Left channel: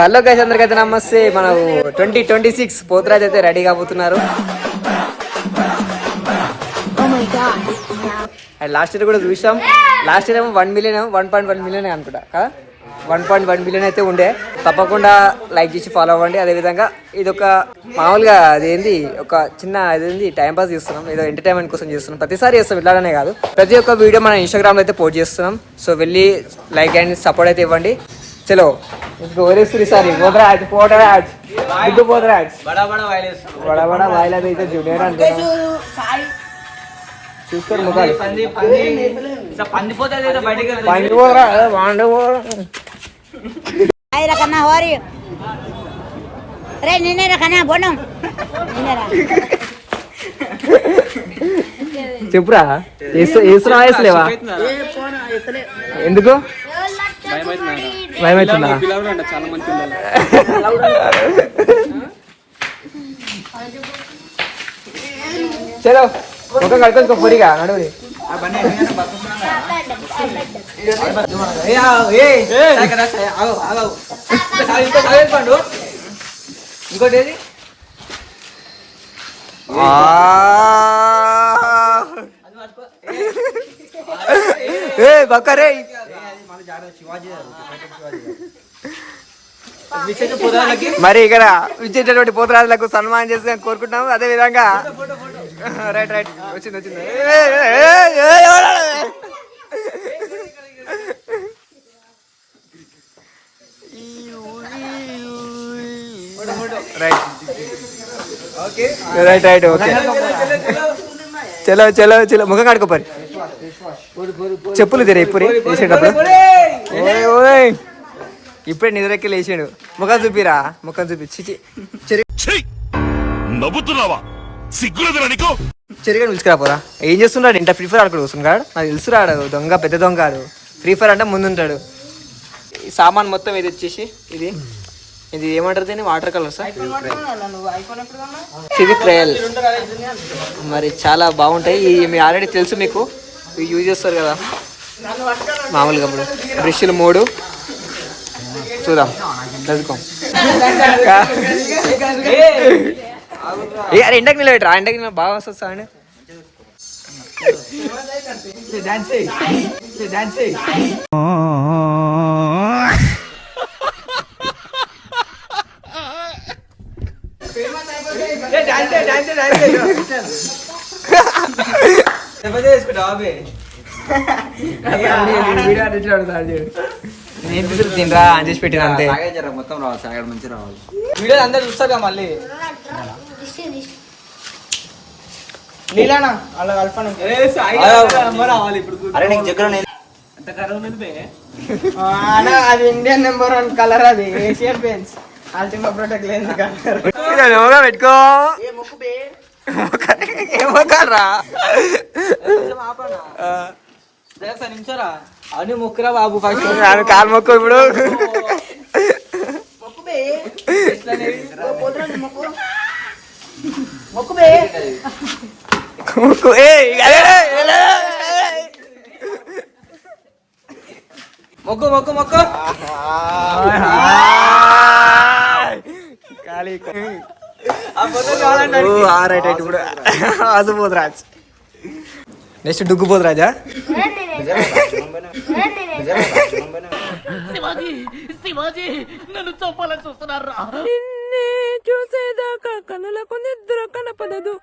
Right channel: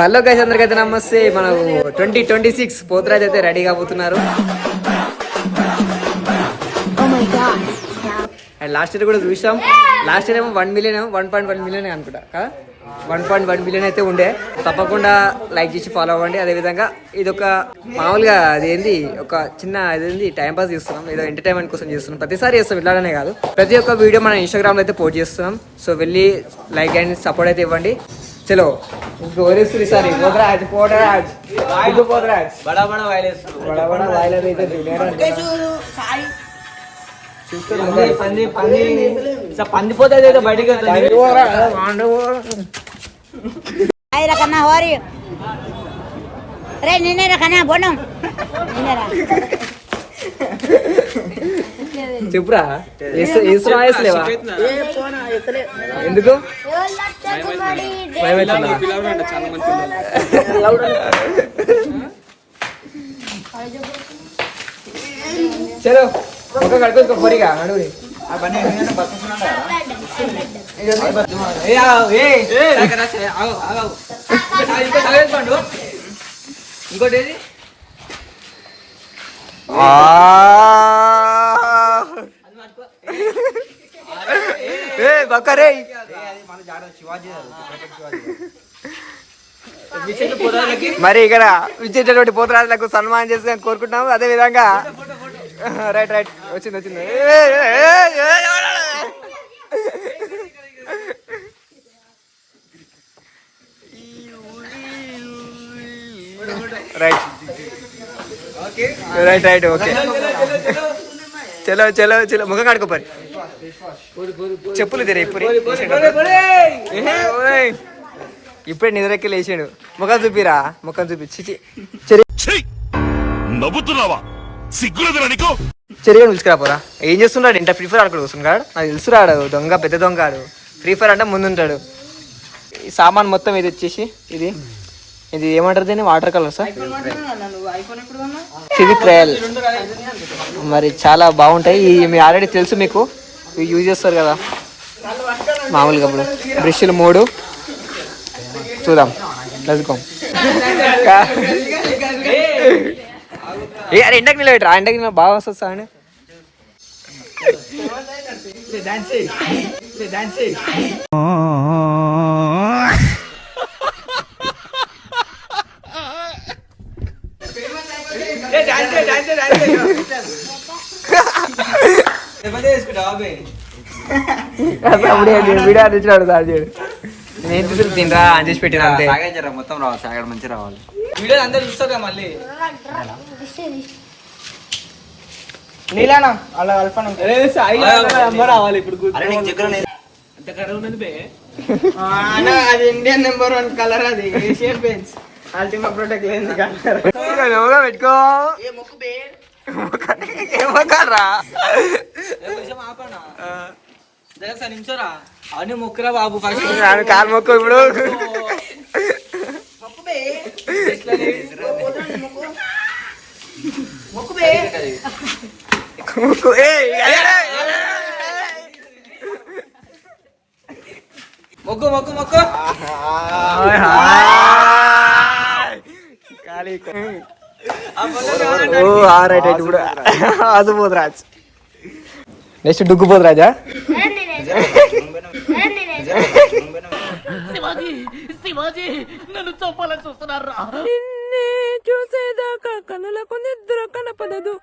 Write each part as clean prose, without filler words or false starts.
Hello guys, అందరికైతే నమస్తే. మనం 2026 పోతురాజ్ అయితే రెడీ కాబోతున్నారు. అండ్ లాస్ట్ ఇయర్ కూడా చూసాం. లాస్ట్ ఇయర్ ఏమో 1 మిలియన్ 1.1 మిలియన్ అనుకుంటా కదా, 1.1 మిలియన్ అయితే ఉండే. తప్పకుండా లైక్ చేసి ఫాలో అవ్వండి. అదేవిధంగా ఇది ఒక మామూలుగా అదేంది ఒక చిన్న అదేంది టైం పాస్ చేస్తున్నాం, ఏదో ఎంటర్టైన్మెంట్ కోసం చేస్తున్నాం. ప్రతిసారి చేస్తాం, ఇలానే కాదు. ప్రతి ఒక్క వీడియో మన ఇన్స్టాగ్రామ్ లో అయితే పోస్ట్ చేస్తున్నాం. సో వెళ్ళి లైక్ అండ్ సపోర్ట్ అయితే ఇవ్వండి. చలో చెప్పురా, వేసులేవా? ఎందుకు భయమవుతుందా? చలో ఒక కడుపు పొడిగా నడువురి. ఇంకోటి ఏది బక్కరే మరి ఇక్కడ విచ్చేటటువంటి పోతురాజులకు సన్మానం చేసి కోరుకుంటున్నాము. అదే విధంగా రైట్ రైట్ వచ్చింది రైట్ రైట్ రైట్ ఓకే. చలో చలో చలో ముఖం కడుకోపరి, చెప్పులు తెరే ఇప్పుడు ఇప్పుడే నిద్రకి లేచాడు. ముఖం చూపిరా, ముఖం చూపి. చెరిగా పిలుచుకురాపోరా. ఏం చేస్తున్నాడు? ఇంత ఫ్రీ ఫైర్ ఆడుకుని వస్తున్నాడు. నాకు తెలుసురాడు, దొంగ పెద్ద దొంగ. ఫ్రీ ఫైర్ అంటే ముందుంటాడు. ఈ సామాన్ మొత్తం ఇది వచ్చేసి ఇది ఇది ఏమంటారు దీన్ని? Water colour sir, Fevicryl. మరి చాలా బాగుంటాయి. మీ ఆల్రెడీ తెలుసు మీకు, ఇవి యూజ్ చేస్తారు కదా మామూలుగా. ఇప్పుడు బ్రష్లు 3 చూద్దాం, లెట్స్. అరే ఎండకి నిలబెట్టరా, ఎండకి నిలబడి బాగా వస్తుంది సార్ అండి. నేను తీసుకు తినరా అని చేసి పెట్టిన అంతే. మొత్తం రావాలి, సాగడం మంచి రావాలి. వీడియో అందరు చూస్తాగా మళ్ళీ. అలా రావాలి ఇప్పుడు. అది ఇండియన్ నెంబర్ 1 కలర్, అది ఏషియన్ పెయింట్స్ అల్టిమా ప్రొటెక్ట్ లేని కలర్. పెట్టుకో ఏమోకరా నించోరా అని మొక్కురా బాబు. ఫస్ట్ కాలు మొక్కు. ఇప్పుడు మొక్కు మొక్కు మొక్కు. ఖాళీ రైట్ రైట్. ఇప్పుడు అది పోతురాజ్, నెక్స్ట్ డుగ్గు పోతురాజా. శివాజీ నన్ను చంపాలని చూస్తున్నారా? చూసేదాకా కనులకు నిద్ర కనపడదు.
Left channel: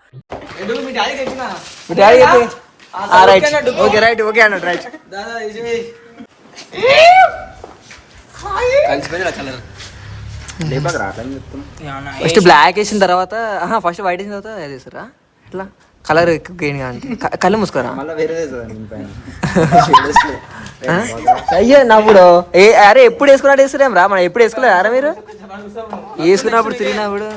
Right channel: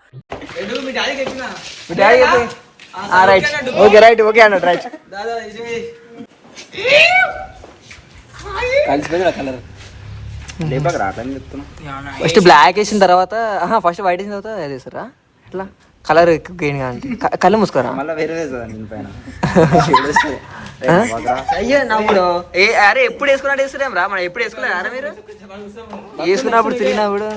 రైట్ ఓకే రైట్ ఓకే అన్నట్టు రైట్. ఫస్ట్ బ్లాక్ వేసిన తర్వాత ఫస్ట్ వైట్ వేసిన తర్వాత అది వేసారా? ఎట్లా కలర్ ఎక్కువ గెయిన్ గా అంటే కళ్ళు మూసుకోరా. అయ్యో నవ్వుడు. అరే ఎప్పుడు వేసుకున్నట్టు వేస్తారేం రా, మనం ఎప్పుడు వేసుకోలేదు అరా? మీరు వేసుకున్నప్పుడు తిరిగినప్పుడు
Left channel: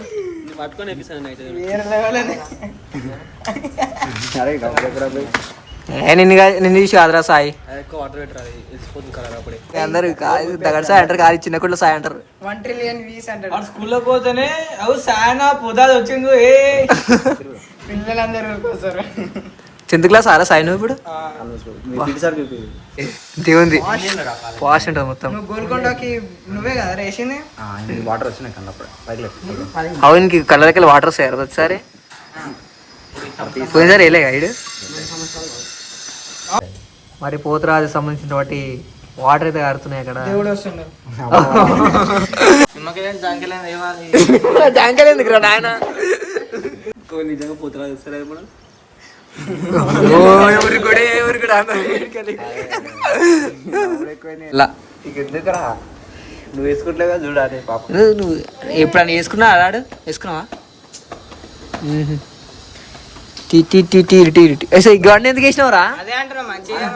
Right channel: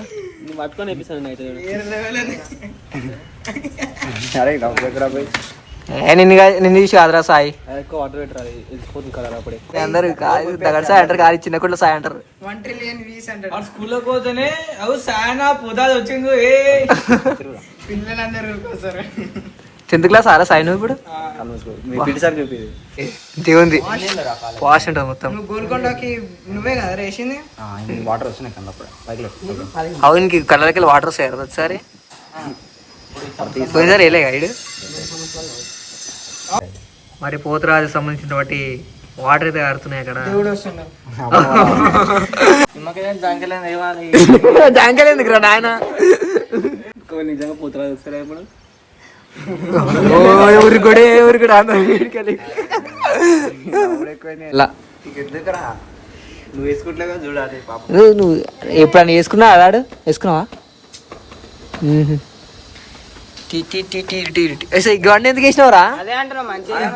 నిన్ను చూసి కాదురా సాయి. అందరు దగ్గర సాయి అంటారు, కాదు చిన్న కుట్ల సాయి అంటారు. స్కూల్లో పోతేనే అవు సాయన పొదాది వచ్చింది. పిల్లలందరూ 10th క్లాస్ ఆరా సాయి నువ్వు ఇప్పుడు దేవుంది వాష్ ఉంటుంది మొత్తం. నువ్వు గోల్కొండకి నువ్వే కదా రేసింది. వాటర్ వచ్చినాయి కన్నప్పుడు అవునికి కళ్ళకి వాటర్ వస్తాయి ఒకసారి పోయినసారి వేయలే గైడ్. మరి పోతురాజు సంబంధించిన వాటి వాటర్ అయితే కారుతున్నాయి అక్కడ. దేవుడు వస్తున్నాడు. నిజంగా పోతురాజు వస్తారా ఇప్పుడు? ఎందుకురా నువ్వు వేసుకుంటలేగా చూడాలి పాప. నువ్వు ఎప్పుడన్నా వేసుకున్నా ఆడాడు వేసుకున్నావా? గవర్న ఎందుకు వేసినావురా? అదే అంటున్నా మంచిగా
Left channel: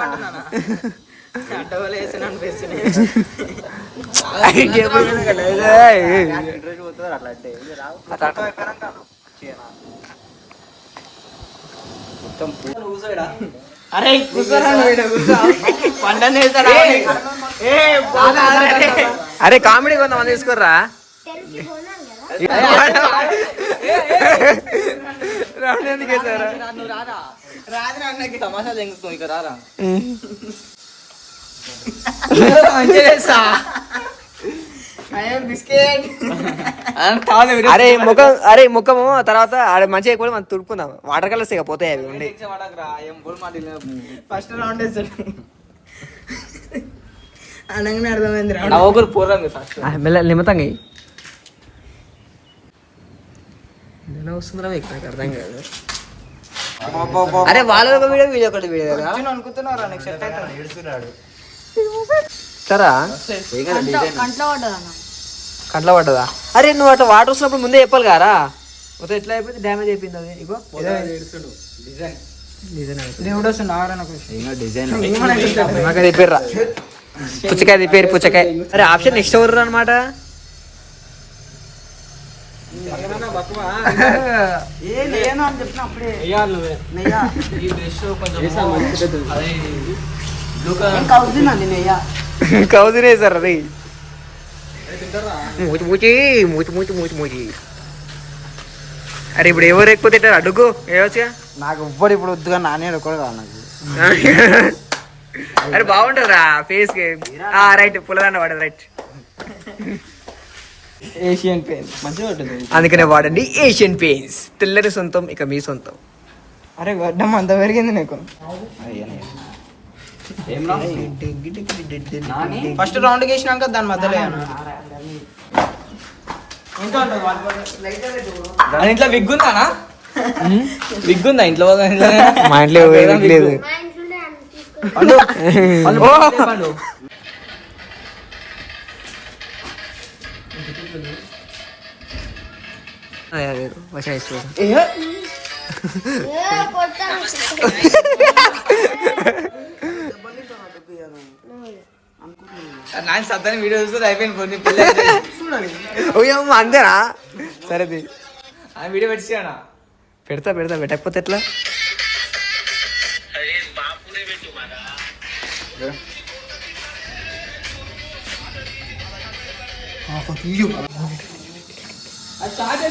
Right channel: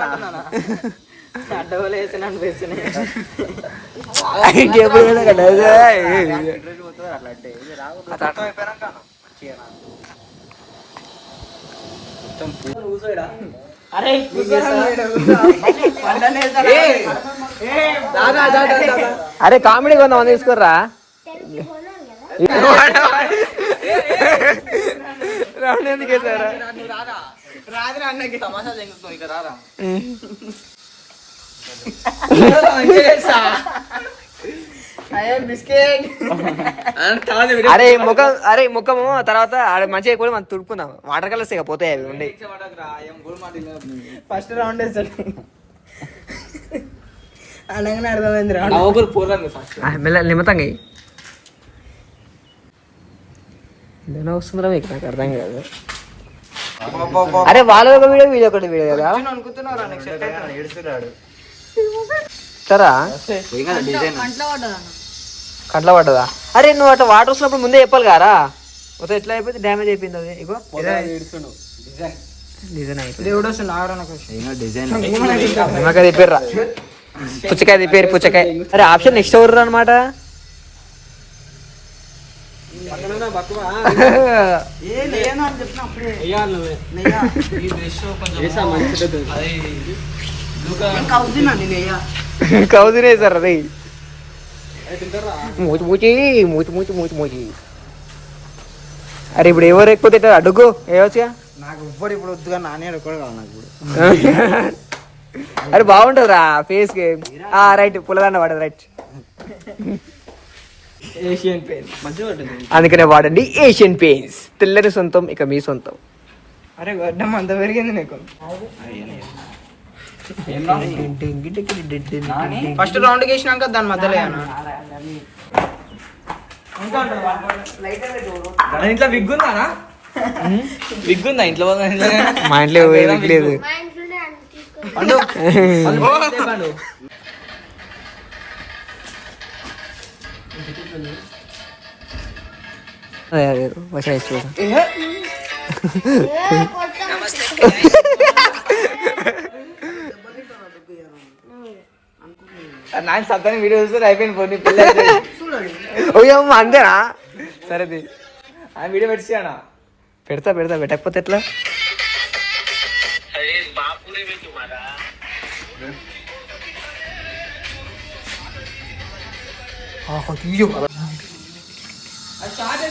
డబ్బులు వేసాను అనిపిస్తున్నాయి. అరే అరే కామెడీ కొంతమంది తీసుకోర్రా. ఎందుకు వేసారా? రాదు అన్నకి తమాషా తెంగుకో ఇక రారా. అరే ముఖము తర్వాత మంచిగా ఎక్కువ మనం తుడుపుకుందాం. వాటర్ కలర్స్ ఇక పోతాయి అవి ఉండి. ఫస్ట్ రౌండ్ వేస్తాడు అనగానే అర్థమైంది. మెల్ల నిమ్మతంగా వస్తుందిరా అర్థం కాదు. అరే వాళ్ళ ఒక వీడియో వీడియో ఒకటి వీడియో కదా అనుకుంటున్నారా? సరా కంట్లో పడ్డదా? అరే నువ్వు అట్లా వాటర్ వస్తున్నప్పుడు ముందే చెప్పాలి కారా? మొత్తం ఎట్లా అయిపోయింది డ్యామేజ్ అయిపోయింది అది. ఇగో దేవుడు వస్తున్నాడు. నిమ్మకాయ తిప్పారా? పుచ్చకాయ తిప్పారు పుచ్చకాయ. అరే ఆప్షన్ నెక్స్ట్ ఎవరు అనమాట. కౌజునే సార్ అది మూచి మూచి మూచి మూచి మూచి మూచి. అరే ఇప్పుడు ఎవరు ఎక్కువ తింటారు అడుగు వేయవచ్చుగా. నాకు ఎవ్వరు ఇప్పుడు వద్దుగా నానే కూడా కావాలి నాకు. అరే బాగుంటుందిరా ఫేస్ కి. రైట్ పుల్లదండ వాడదు రైట్. ఏషియన్ పెయింట్ మంచిగా ఉంటుంది. అందుకనే వాడండి ఏషియన్ పెయింట్స్. తెల్లని సొంతం ఇక మీ సొంతం. అరే గడ్డం అంత పెరిగింది నీకు. ఫస్ట్ రౌండ్ వేసినాక దాని మధ్యలో ఇంట్లో విగ్గుందానా? విగ్గుందా ఇంట్లో? మా ఇంట్లో విగ్ లేదు. వీడియో చూస్తే అయిపోయింది. అంతేనా? సరే వీడియో పెట్టానా? పెడతా పెట్టకపోతే ఎట్లా? స్టార్ట్